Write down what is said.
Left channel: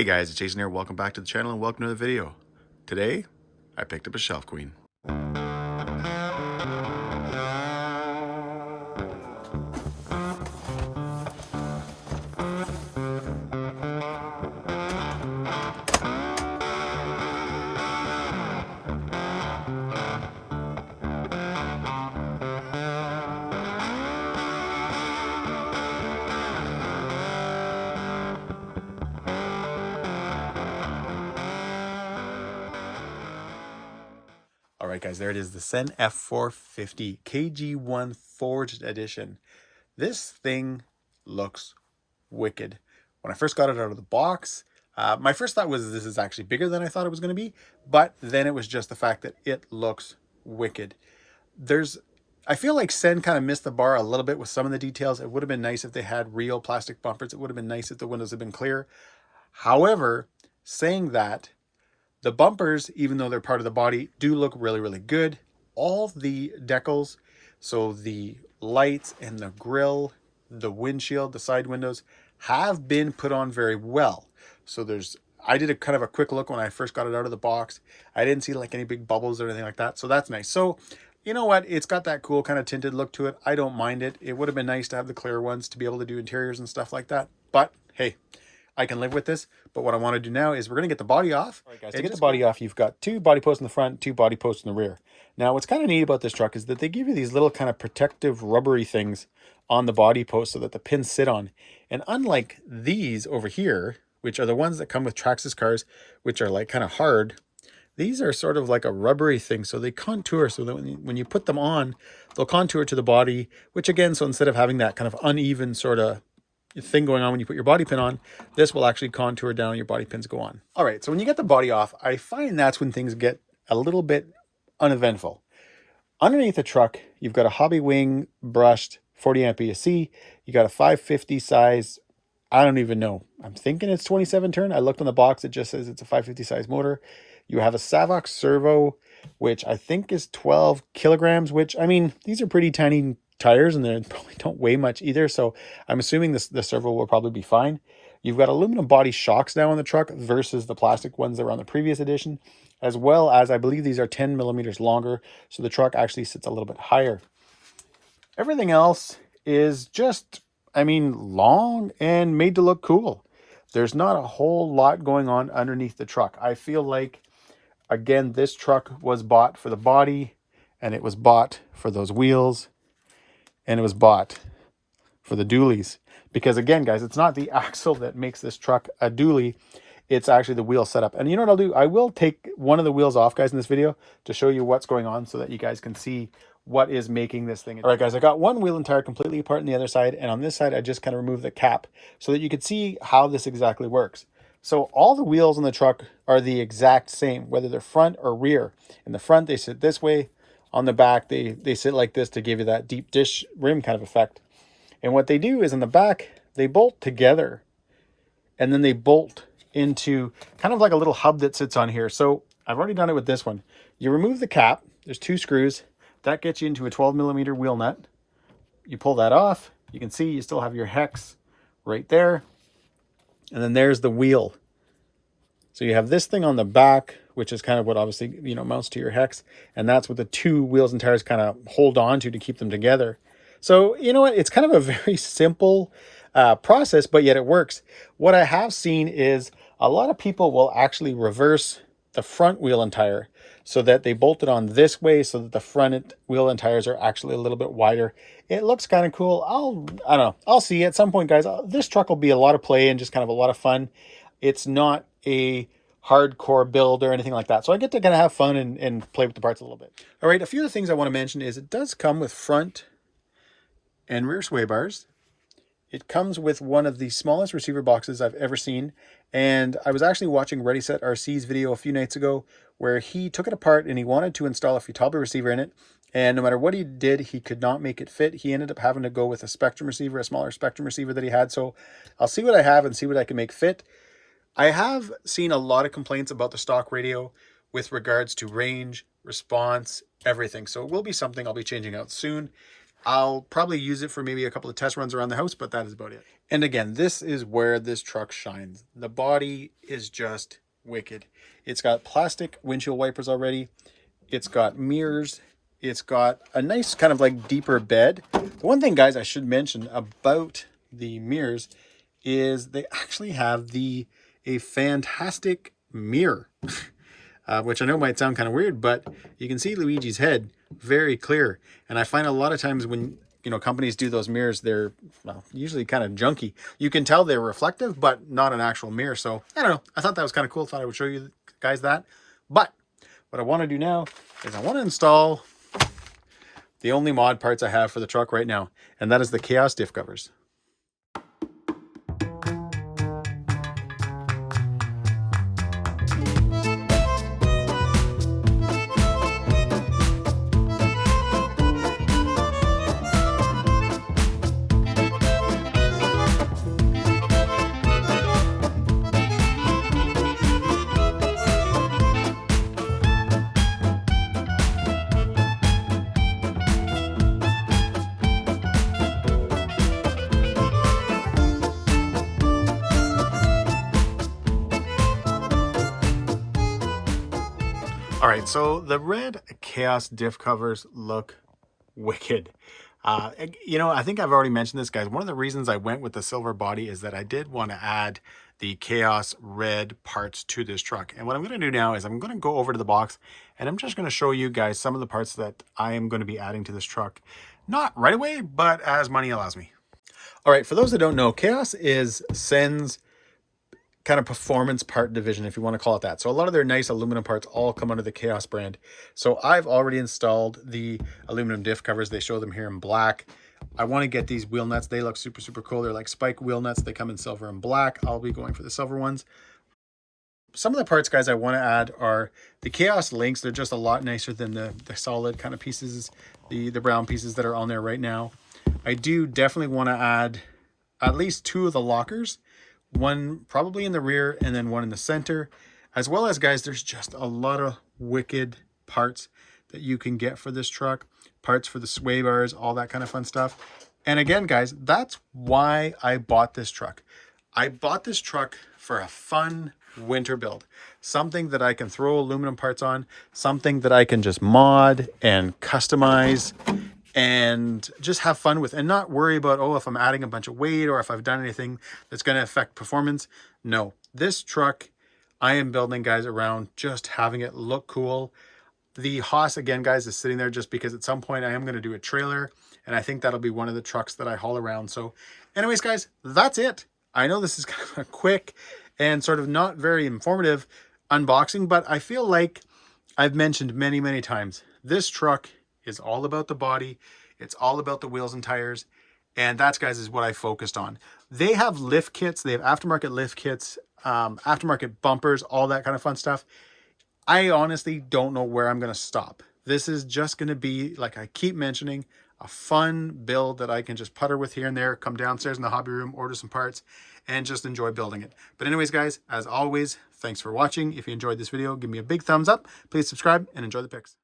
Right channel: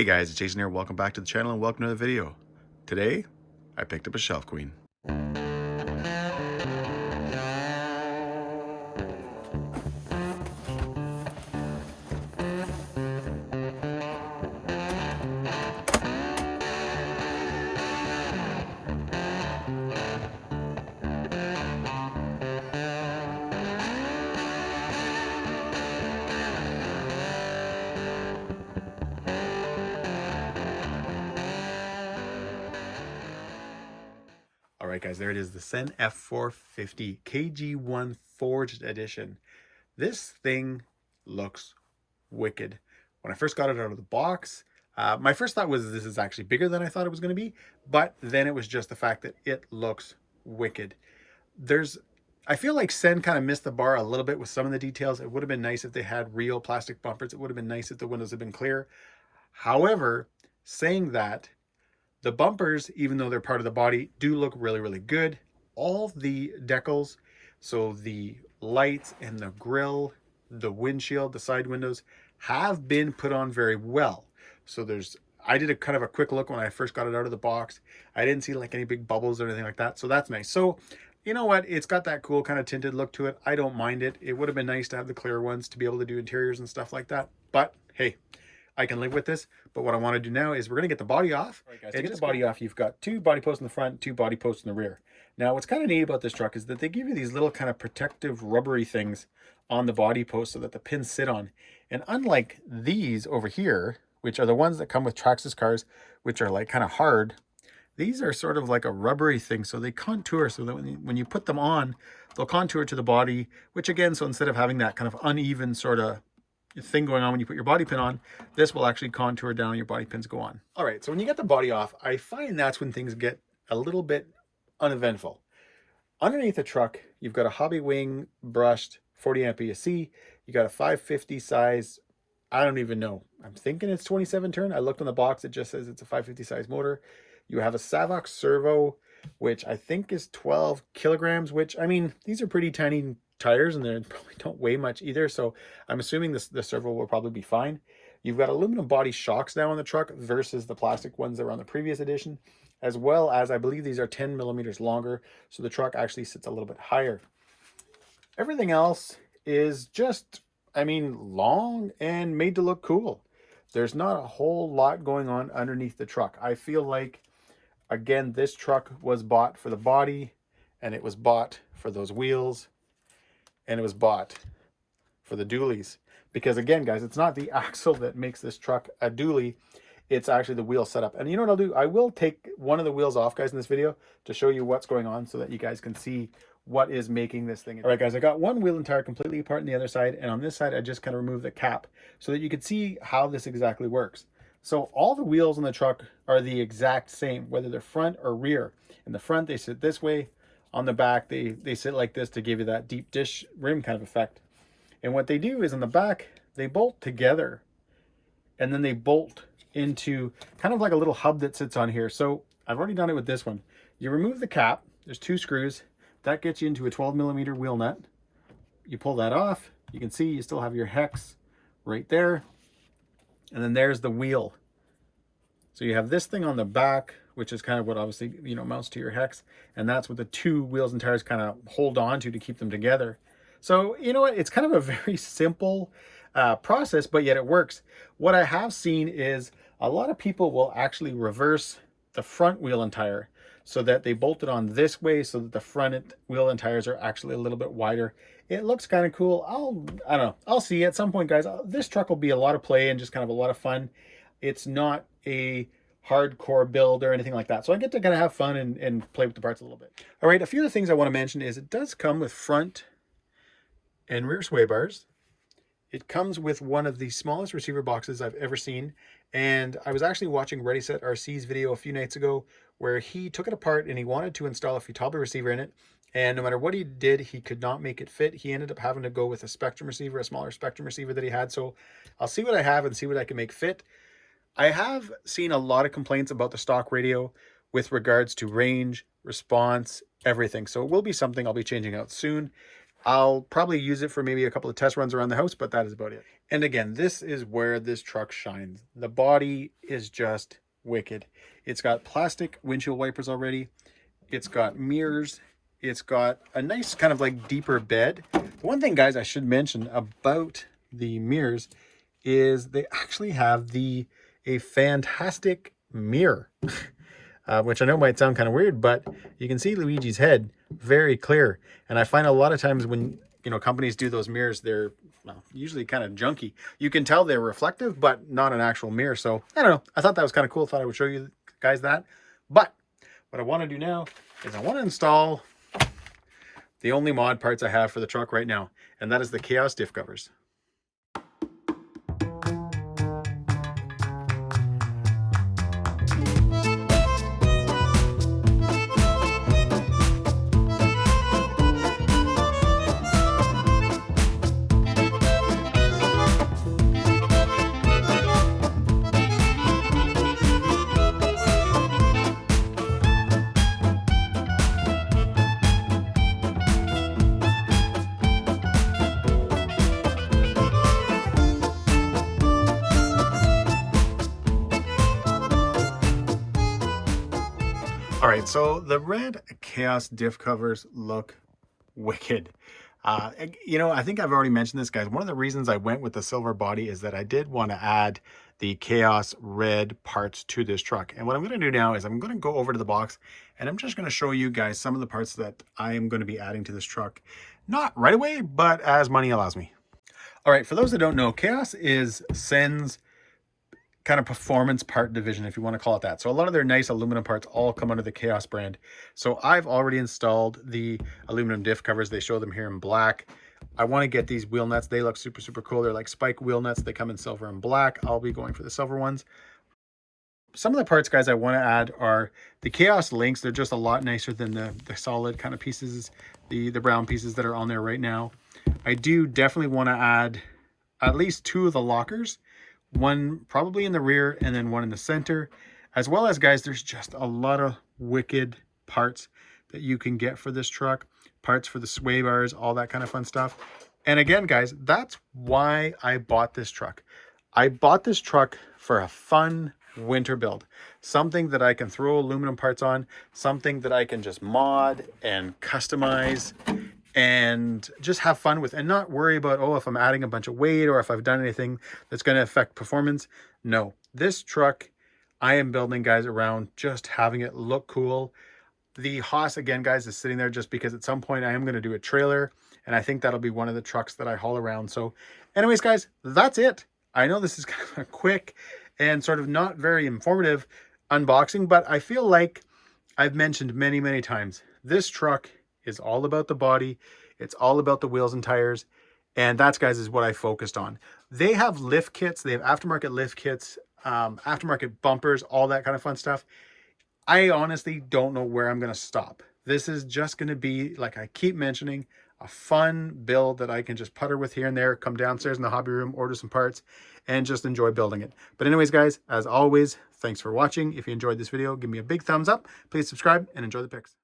Hey guys, it's Jason here. Welcome back to the channel and welcome to the video. Today, I picked up a shelf queen. All right, guys, there it is, the Cen F450 KG1 Forged Edition. This thing looks wicked. When I first got it out of the box, my first thought was this is actually bigger than I thought it was going to be, but then it was just the fact that it looks wicked. I feel like Cen kind of missed the bar a little bit with some of the details. It would have been nice if they had real plastic bumpers. It would have been nice if the windows had been clear. However, saying that, the bumpers, even though they're part of the body, do look really, really good. All the decals, so the lights and the grille, the windshield, the side windows, have been put on very well. So I did a kind of a quick look when I first got it out of the box. I didn't see like any big bubbles or anything like that. So that's nice. So you know what? It's got that cool kind of tinted look to it. I don't mind it. It would have been nice to have the clear ones to be able to do interiors and stuff like that. But hey, I can live with this. But what I want to do now is we're going to get the body off. All right, guys, to get the body off, you've got two body posts in the front, two body posts in the rear. Now, what's kind of neat about this truck is that they give you these little kind of protective rubbery things on the body post so that the pins sit on. And unlike these over here, which are the ones that come with Traxxas cars, which are like kind of hard, these are sort of like a rubbery thing. So they contour so that when you put them on, they'll contour to the body, which again, so instead of having that kind of uneven sort of thing going on when you put your body pin on, this will actually contour down and your body pins go on. All right, so when you get the body off, I find that's when things get a little bit uneventful. Underneath the truck, you've got a hobby wing brushed 40 amp ESC. You got a 550 size, I don't even know. I'm thinking it's 27 turn. I looked on the box, it just says it's a 550 size motor. You have a Savox servo, which I think is 12 kilograms, which, I mean, these are pretty tiny tires and they probably don't weigh much either. So I'm assuming the servo will probably be fine. You've got aluminum body shocks now on the truck versus the plastic ones that were on the previous edition, as well as I believe these are 10 millimeters longer. So the truck actually sits a little bit higher. Everything else is just, I mean, long and made to look cool. There's not a whole lot going on underneath the truck. I feel like, again, this truck was bought for the body and it was bought for those wheels and it was bought for the dualies. Because again, guys, it's not the axle that makes this truck a dually. It's actually the wheel setup. And you know what I'll do? I will take one of the wheels off, guys, in this video to show you what's going on so that you guys can see what is making this thing. All right, guys, I got one wheel and tire completely apart on the other side. And on this side, I just kind of removed the cap so that you could see how this exactly works. So all the wheels on the truck are the exact same, whether they're front or rear. In the front, they sit this way. On the back, they sit like this to give you that deep dish rim kind of effect. And what they do is on the back, they bolt together and then they bolt into kind of like a little hub that sits on here. So I've already done it with this one. You remove the cap, there's two screws. That gets you into a 12 millimeter wheel nut. You pull that off, you can see you still have your hex right there. And then there's the wheel. So you have this thing on the back, which is kind of what obviously, you know, mounts to your hex. And that's what the two wheels and tires kind of hold on to keep them together. So, you know what? It's kind of a very simple process, but yet it works. What I have seen is a lot of people will actually reverse the front wheel and tire so that they bolt it on this way so that the front wheel and tires are actually a little bit wider. It looks kind of cool. I don't know. I'll see at some point, guys. This truck will be a lot of play and just kind of a lot of fun. It's not a hardcore build or anything like that. So I get to kind of have fun and play with the parts a little bit. All right, a few of the things I want to mention is it does come with front and rear sway bars. It comes with one of the smallest receiver boxes I've ever seen. And I was actually watching Ready Set RC's video a few nights ago where he took it apart and he wanted to install a Futaba receiver in it. And no matter what he did, he could not make it fit. He ended up having to go with a Spectrum receiver, a smaller Spectrum receiver that he had. So I'll see what I have and see what I can make fit. I have seen a lot of complaints about the stock radio with regards to range, response, everything. So it will be something I'll be changing out soon. I'll probably use it for maybe a couple of test runs around the house, but that is about it. And again, this is where this truck shines. The body is just wicked. It's got plastic windshield wipers already. It's got mirrors. It's got a nice kind of like deeper bed. The one thing, guys, I should mention about the mirrors is they actually have a fantastic mirror, which I know might sound kind of weird, but you can see Luigi's head very clear. And I find a lot of times when, you know, companies do those mirrors, they're, well, usually kind of junky. You can tell they're reflective, but not an actual mirror. So I don't know. I thought that was kind of cool. Thought I would show you guys that. But what I want to do now is I want to install the only mod parts I have for the truck right now, and that is the Kaos diff covers. All right, so the red Kaos diff covers look wicked. You know, I think I've already mentioned this, guys. One of the reasons I went with the silver body is that I did want to add the Kaos red parts to this truck. And what I'm going to do now is I'm going to go over to the box and I'm just going to show you guys some of the parts that I am going to be adding to this truck. Not right away, but as money allows me. All right, for those that don't know, Kaos is Cen's kind of performance part division, if you want to call it that. So a lot of their nice aluminum parts all come under the Kaos brand. So I've already installed the aluminum diff covers. They show them here in black. I want to get these wheel nuts. They look super, super cool. They're like spike wheel nuts. They come in silver and black. I'll be going for the silver ones. Some of the parts, guys, I want to add are the Kaos links. They're just a lot nicer than the solid kind of pieces, the brown pieces that are on there right now. I do definitely want to add at least 2 of the lockers. One probably in the rear and then one in the center, as well as, guys, there's just a lot of wicked parts that you can get for this truck, parts for the sway bars, all that kind of fun stuff. And again, guys, that's why I bought this truck. I bought this truck for a fun winter build, something that I can throw aluminum parts on, something that I can just mod and customize and just have fun with, and not worry about, oh, if I'm adding a bunch of weight or if I've done anything that's going to affect performance. No, this truck I am building, guys, around just having it look cool. The Haas, again, guys, is sitting there just because at some point I am going to do a trailer, and I think that'll be one of the trucks that I haul around. So anyways, guys, that's it. I know this is kind of a quick and sort of not very informative unboxing, but I feel like I've mentioned many, many times, this truck is all about the body. It's all about the wheels and tires. And that's, guys, is what I focused on. They have lift kits. They have aftermarket lift kits, aftermarket bumpers, all that kind of fun stuff. I honestly don't know where I'm going to stop. This is just going to be, like I keep mentioning, a fun build that I can just putter with here and there, come downstairs in the hobby room, order some parts, and just enjoy building it. But anyways, guys, as always, thanks for watching. If you enjoyed this video, give me a big thumbs up. Please subscribe and enjoy the pics.